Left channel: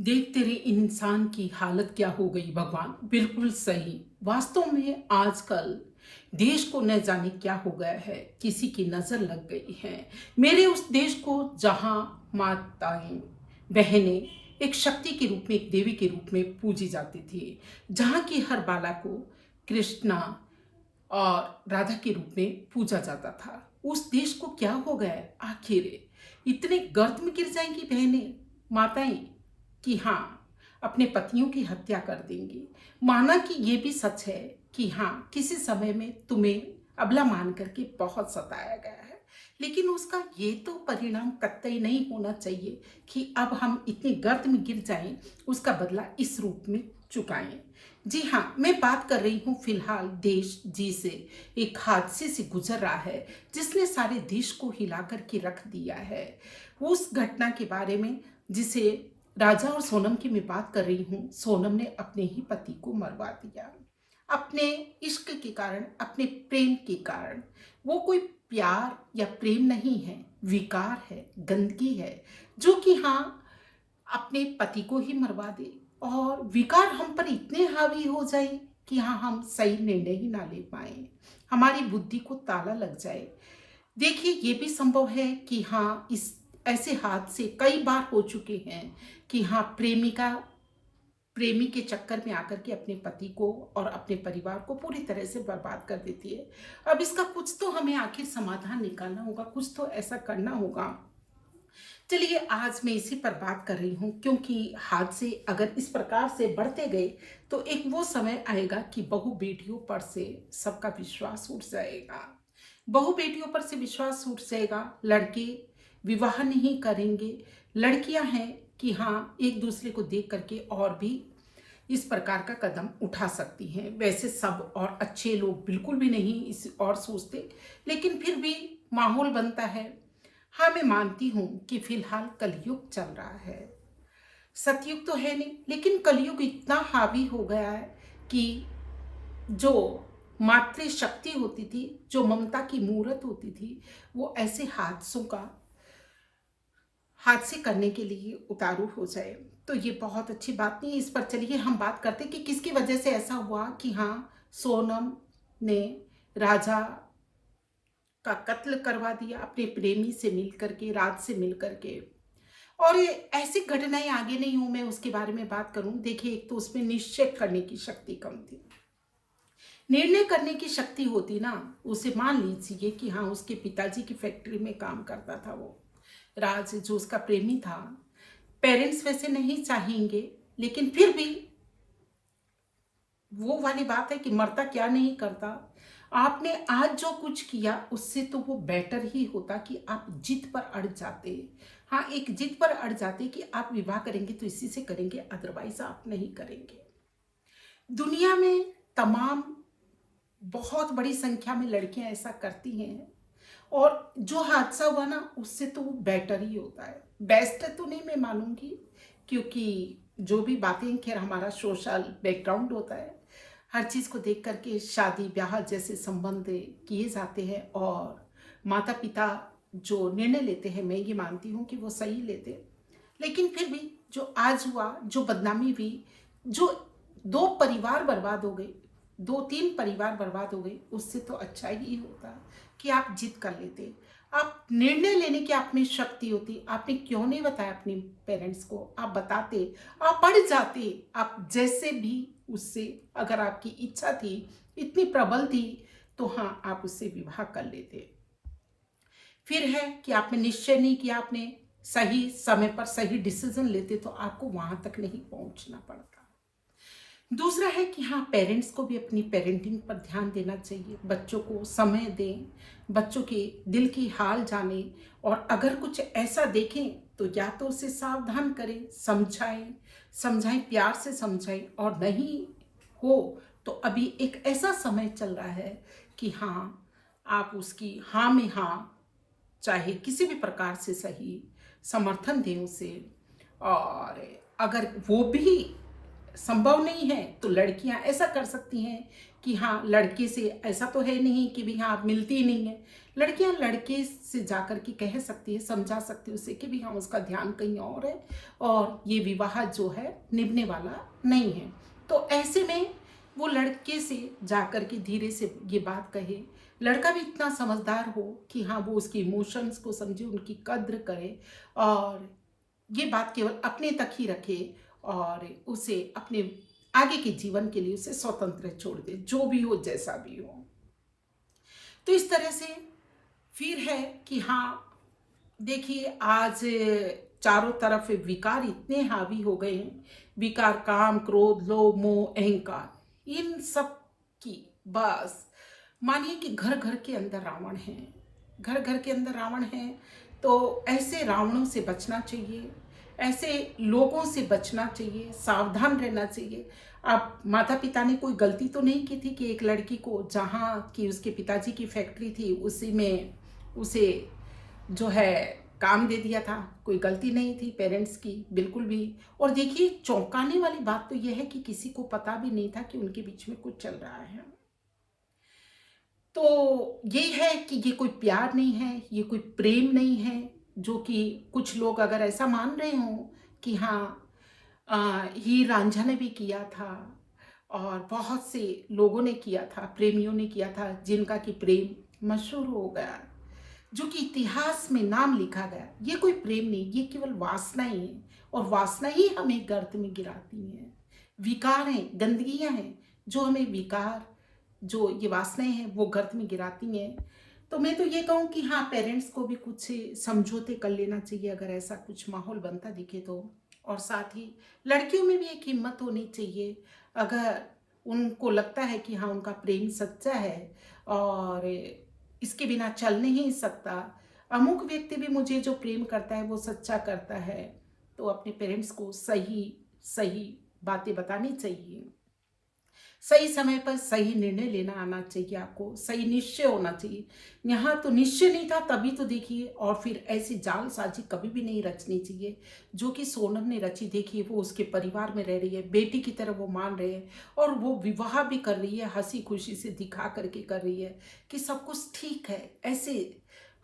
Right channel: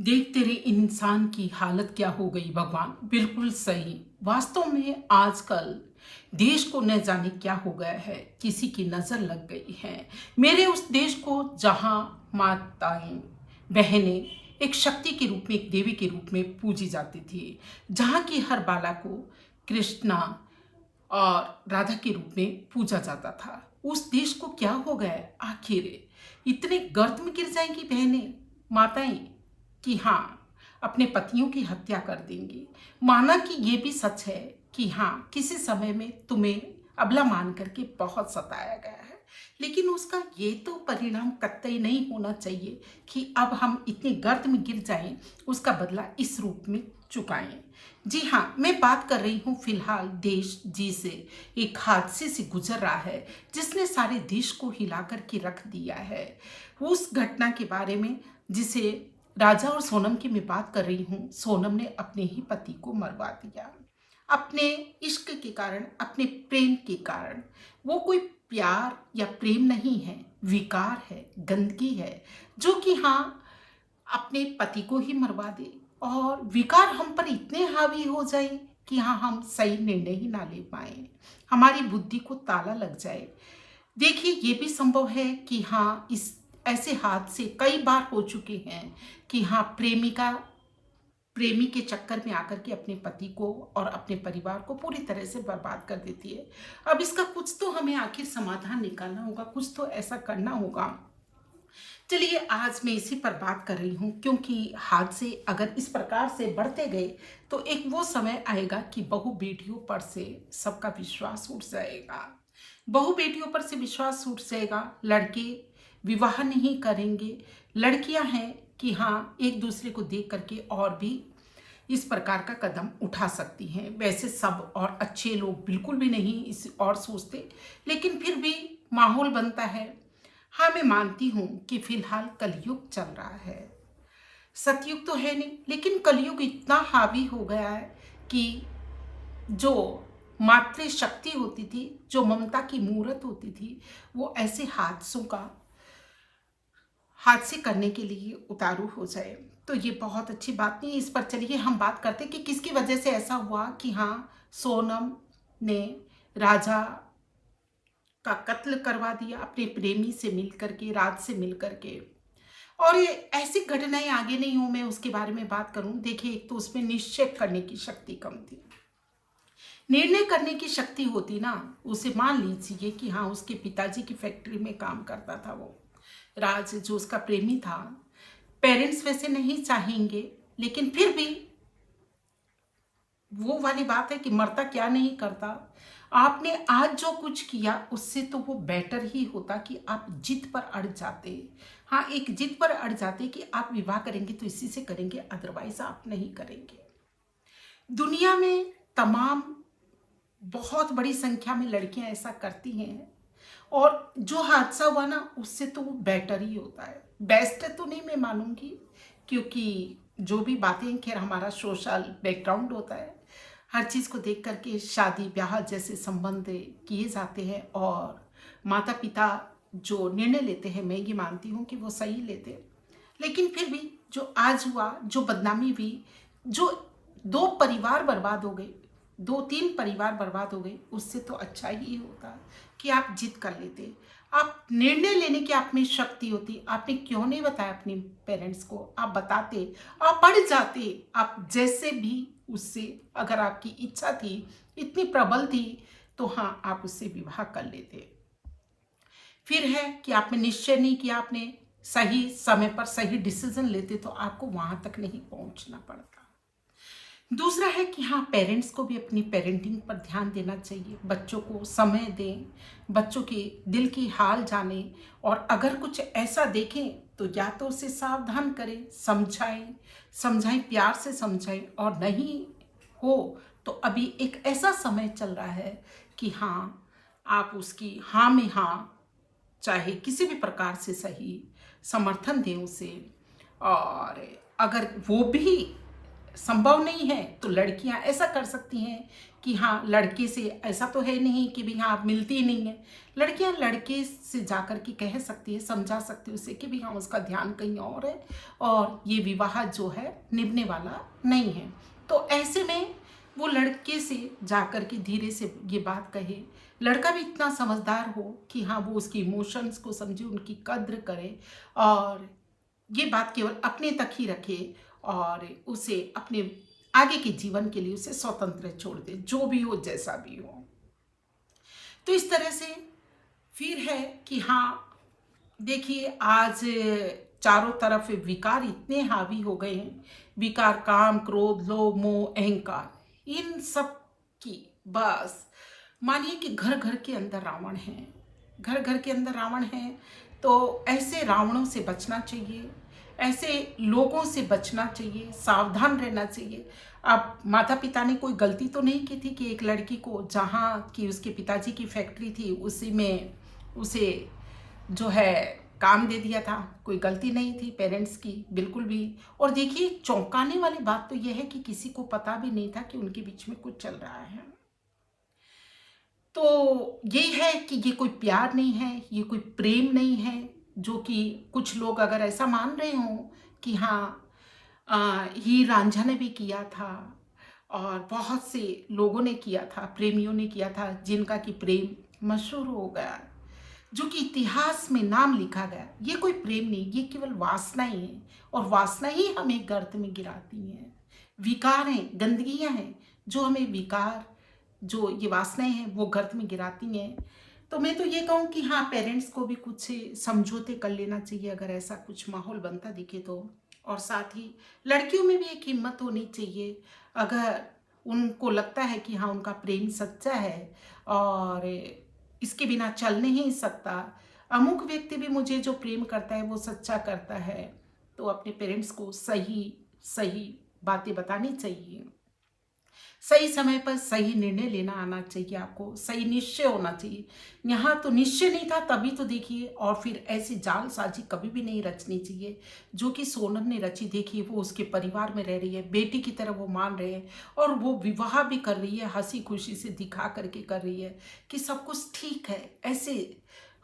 देख तेरे इंसान की हालत क्या हो गई भगवान। बिल्कुल सही। वास्तव में आजकल देश को न जाने क्या हो गया है, किसी की नजर लग गई है मेरे उस देश को जहां माताएं बहनें एक शक्ति के रूप में, एक देवी के रूप में पूजी जाती थी, जहां की हर बाला को कृष्णा और राधा के रूप में पूजा जाता था। उस देश को क्या हो गया है आखिर? इतने गर्त में गिर जाएंगी बहनें, माताएं, कि हाँ, अपने पतियों की हत्या कर देंगी। माना कि ये भी सच है कि हाँ, किसी समय में तुम्हें अबला मान करके बहुत सताया गया है, लेकिन उसका ये तो परिणाम कतई नहीं होना चाहिए कि अब हम इतने गर्त में गिर जाएं, उसका बदला इस रूप में चुकाएं। जी हाँ, मैं बात कर रही हूँ फिलहाल देश जी से एक हादसे से गुजर रहा है जिसने सारे देश को हिला करके रख दिया है। उस घटना के बारे में जिसे राजा और सोनम की मैं बात कर रही हूँ। सोनम ने अपने ही पति को मरवा दिया, अपने इश्क के कारण, अपने प्रेम के कारण। वो कोई प्यार या प्रेम नहीं है, विकार है, गंदगी है, जो कि हाँ, अपने पति को ही मरवा दे और विकार हम पर इतने हावी हो जाए कि हाँ, हम सही निर्णय ही ना ले पाए, हमारी बुद्धि को ताला लग जाए। देखिए, ये भी संभव है कि हाँ, इस ऐसे हादसे कई बार हो चुके हैं कि हाँ, प्रेमिका प्रेमी के चक्कर में आकर के अपने पति को और अपने परिवार को पूरी तरह से बर्बाद कर देती है। अब इसका कुछ तो हमें आखिर समाधान निकालना होगा, कुछ तो ऐसा करना होगा। चलिए, आज मैं इसी पर बात कर रही हूँ, क्योंकि हादसे अगर इस प्रकार से बढ़ते गए तो एक वो समय आएगा कि बहु बेटियों पर से सबका विश्वास उठ जाएगा। बहु बेटियों पर से विश्वास उठ जाएगा, लड़के विवाह नहीं करेंगे, लड़कियां हैं कि हाँ, एक दूसरे को देख करके और भी इस प्रकार का कदम उठा सकती हैं। वैसे सब और अच्छे लोग बिल्कुल भी नहीं इस और सोचते, लेकिन फिर भी माहौल बनता है। हाँ, मैं मानती हूँ कि फिलहाल कलयुग चल रहा है, सतयुग तो है नहीं, लेकिन कलयुग इतना हावी हो गया है कि जो मातृ शक्ति होती थी, जो ममता की मूर्त होती थी, वो ऐसे हादसे करने के लिए उतारू हो जाए, तो ये बहुत अच्छी बात नहीं। इस पर चलिए हम बात करते कि किसकी वजह से ऐसा हुआ कि हाँ, सोनम ने राजा का कत्ल करवा दिया अपने प्रेमी से मिल करके, राज से मिल करके। और ये ऐसी घटनाएं आगे नहीं हूं मैं उसके बारे में बात करूं। देखिए, एक तो उसमें निश्चय करने की शक्ति कम थी, निर्णय करने की शक्ति होती ना, उसे मान लीजिए कि हाँ, उसके पिताजी की फैक्ट्री में काम करता था वो राज, जो उसका प्रेमी था। पेरेंट्स वैसे नहीं चाहेंगे, लेकिन फिर भी वो वाली बात है कि मरता क्या नहीं करता। आपने आज जो कुछ किया उससे तो वो बेटर ही होता कि आप जिद पर अड़ जाते। हाँ, एक जिद पर अड़ जाते कि आप विवाह करेंगे तो इसी से करेंगे, अदरवाइज आप नहीं करेंगे। दुनिया में तमाम बहुत बड़ी संख्या में लड़कियां ऐसा करती हैं, और जो हादसा हुआ ना, उससे तो वो बेटर ही होता है। बेस्ट तो नहीं मैं मानूंगी, क्योंकि जो भी बातें, खैर हमारा सोशल बैकग्राउंड होता है, हर चीज़ को देख करके शादी ब्याह जैसे संबंध किए जाते हैं, और माता पिता जो निर्णय लेते हैं, मैं ये मानती हूँ कि वो सही लेते हैं। लेकिन फिर भी जो आज हुआ, जो बदनामी हुई, जो दो परिवार बर्बाद हो गए, दो तीन परिवार बर्बाद हो गए, उससे तो अच्छा ही होता कि आप जिद कर लेते, आप निर्णय लेने की आप में शक्ति होती। आपने क्यों नहीं बताया अपने पेरेंट्स को? आप बताते, आप पढ़ जाते, आप जैसे भी उससे, अगर आपकी इच्छा थी, इतनी प्रबल थी, तो हाँ, आप उससे विवाह कर लेते। फिर है कि आपने निश्चय नहीं किया, आपने सही समय पर सही डिसीजन लेते तो आपको वहां तक नहीं पहुंचना पड़ता। दूसरा है कि हाँ, पेरेंट्स को भी अपनी पेरेंटिंग पर ध्यान देना चाहिए, बच्चों को समय दें, बच्चों के दिल की हाल जाने, और अगर कुछ ऐसा देखें तो या तो उसे सावधान करें, समझाएं, प्यार से समझाएं। और नहीं हो तो अभी एक ऐसा समय चल रहा है कि हाँ, आप उसकी हाँ में हाँ, चाहे किसी भी प्रकार से सही, समर्थन दें उसे। और अगर वो भी संभव नहीं है तो लड़कियां ऐसा कर सकती हैं कि हाँ लड़के से ऐसा तो है नहीं कि भी हाँ आप मिलती ही नहीं है। लड़कियां लड़के से जाकर के कह सकती है, समझा सकती है उसे कि भी हाँ उसका ध्यान कहीं और है और ये विवाह जो है निभने वाला नहीं है। तो ऐसे में वो लड़के से जाकर के धीरे से ये बात कहे, लड़का भी इतना समझदार हो कि हाँ वो उसके इमोशंस को समझे, उनकी कद्र करे और ये बात केवल अपने तक ही रखे और उसे अपने आगे के जीवन के लिए उसे स्वतंत्र छोड़ दे, जो भी हो जैसा भी हो। तो इस तरह से फिर है कि हाँ देखिए आज चारों तरफ विकार इतने हावी हो गए हैं, विकार काम क्रोध लोभ मोह अहंकार, इन सब की बस मानिए कि घर घर के अंदर रावण है, घर घर के अंदर रावण है। तो ऐसे रावणों से बचना चाहिए, ऐसे लोगों से बचना चाहिए, सावधान रहना चाहिए। अब माता पिता ने कोई गलती तो नहीं की थी कि एक लड़की को जहाँ की उसके पिताजी की फैक्ट्री थी उसी में उसे जो है काम दे दिया था। कोई गलती नहीं थी पेरेंट्स की बिल्कुल भी। और देखिए चौंकाने वाली बात तो यह है कि किसी को पता भी नहीं था कि उनके बीच में कुछ चल रहा है। तो ये है कि ये कोई प्यार नहीं है, ये कोई प्रेम नहीं है, जो कि कुछ लोग अगर ऐसा मान रहे हों कि हाँ हीर रांझा ने भी किया था और बहुत से लोगों ने किया था, प्रेमियों ने किया था, जिनका कि प्रेम मशहूर हो गया, जो कि इतिहास में नाम लिखा गया। ये कोई प्रेम नहीं, ये केवल वासना ही है और वासना ही हमें गर्त में गिराती है। विकार हैं, गंदगियां हैं जो हमें विकार, जो ये वासनाएं हैं वो गर्त में गिराती हैं। तो मैं तो ये कहूँ कि हाँ पेरेंट्स को भी कुछ समझौते कर लेना चाहिए अगर ऐसा कुछ माहौल बनता दिखे तो। और साथ ही लड़कियों में भी एक हिम्मत होनी चाहिए, अगर उनको लगता है कि हाँ उनका प्रेम सच्चा है और इसके बिना चल नहीं सकता, अमुक व्यक्ति भी मुझे जो प्रेम करता है वो सच्चा करता है, तो अपने पेरेंट्स को सही सही बातें बतानी चाहिए। सही समय पर सही निर्णय लेना आना चाहिए, आपको सही निश्चय होना चाहिए। यहाँ तो निश्चय नहीं था तभी तो देखिए, और फिर ऐसी जालसाजी कभी भी नहीं रचनी चाहिए जो कि सोनम ने रची। देखिए वो उसके परिवार में रह रही है, बेटी की तरह वो मान रहे हैं और वो विवाह भी कर रही है, हंसी खुशी से दिखा करके कर रही है कि सब कुछ ठीक है। ऐसे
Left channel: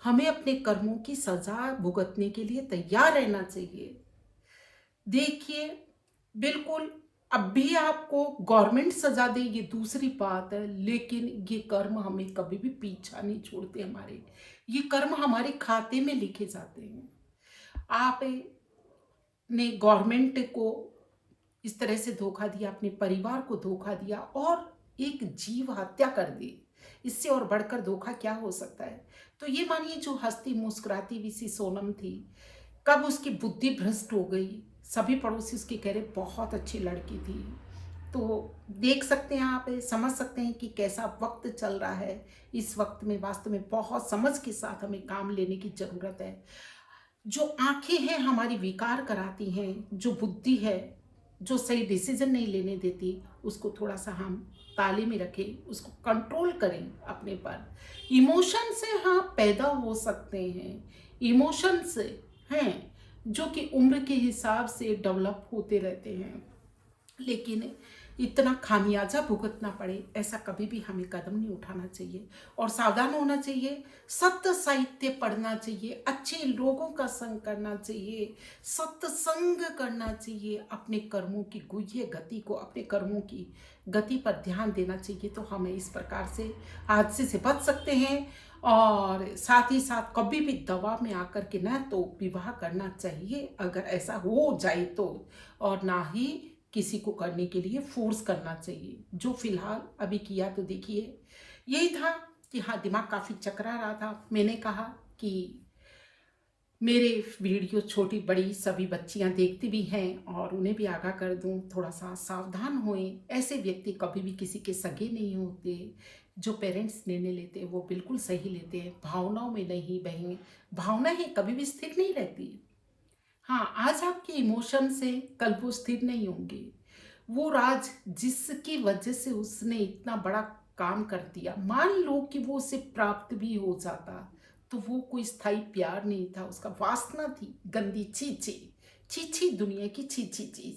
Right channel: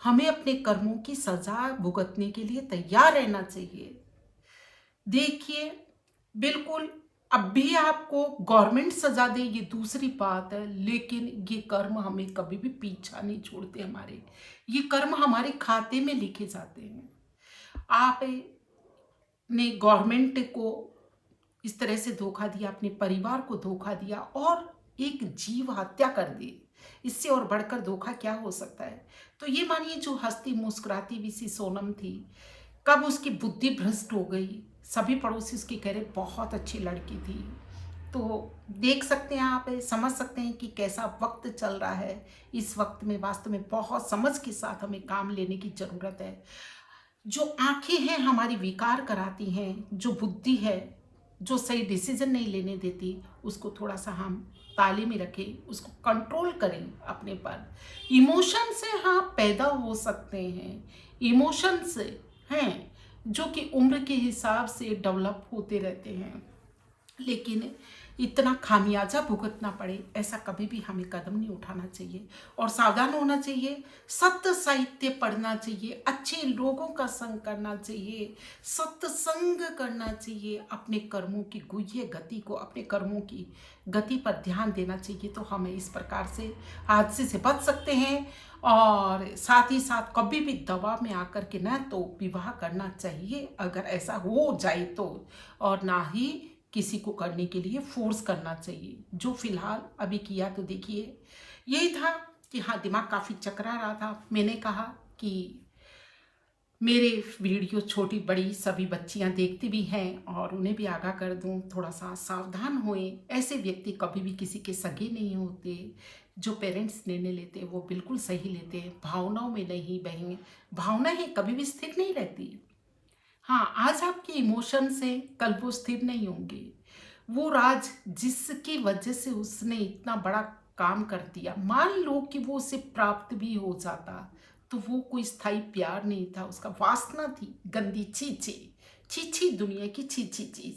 हमें अपने कर्मों की सजा भुगतने के लिए तैयार रहना चाहिए। देखिए बिल्कुल, अब भी आपको गवर्नमेंट सजा दे ये दूसरी बात है, लेकिन ये कर्म हमें कभी भी पीछा नहीं छोड़ते हमारे, ये कर्म हमारे खाते में लिखे जाते हैं। आपने गवर्नमेंट को इस तरह से धोखा दिया, अपने परिवार को धोखा दिया और एक जीव हत्या कर दी, इससे और बढ़कर धोखा क्या हो सकता है। तो ये मानिए जो हंसती मुस्कुराती हुई सी सोनम थी, कब उसकी बुद्धि भ्रष्ट हो गई। सभी पड़ोसी उसके कह रहे बहुत अच्छी लड़की थी। तो देख सकते हैं आप, समझ सकते हैं कि कैसा वक्त चल रहा है। इस वक्त में वास्तव में बहुत समझ के साथ हमें काम लेने की जरूरत है। जो आंखें हैं हमारी विकार कराती हैं, जो बुद्धि है जो सही डिसीजन नहीं लेने देती, उसको थोड़ा सा हम ताले में रखें, उसको कंट्रोल करें अपने पर। इमोशन से हाँ पैदा हो सकते हैं, इमोशंस हैं जो कि उम्र के हिसाब से डेवलप होते रहते हैं, लेकिन इतना खामियाजा भुगतना पड़े ऐसा कभी भी हमें कदम नहीं उठाना चाहिए। और सावधान होना चाहिए, सत्य साहित्य पढ़ना चाहिए, अच्छे लोगों का संग करना चाहिए, सत्संग करना चाहिए, अपने कर्मों की गुह्य गति को, अपने कर्मों की गति पर ध्यान देना चाहिए। तो हम इस प्रकार से हादसे से बच सकते हैं। और साथ ही साथ कभी भी दबाव में आकर के न तो विवाह करना चाहिए अगर ऐसा हो जाए तो, और ना ही किसी को करने के लिए फोर्स करना चाहिए, जो फिलहाल अभी किया। तो देखिए यही था कि हाँ दिमाग काफ़ी चकरा रहा था। मैंने कहा कि मेरे वीडियो छोटी बड़ी सभी बच्चियां देखती भी हैं और उन्हें भी आगाह कर दूं, थोड़ा सा सावधान होएं। ऐसे व्यक्ति कभी भी किसी के सगे नहीं होते। जो पेरेंट्स निर्णय लेते हैं वो बिल्कुल सही लेते हैं, भावनाओं में नहीं बहें। भावनाएं कभी भी स्थिर नहीं रहती। हाँ आज आपके इमोशंस हैं, कल वो स्थिर नहीं होंगे। वो राज जिसकी वजह से उसने इतना बड़ा काम कर दिया, मान लो कि वो उसे प्राप्त भी हो जाता, तो वो कोई स्थायी प्यार नहीं था, उसका वासना थी गंदी, छी छी छी छी, दुनिया की छी छी चीज।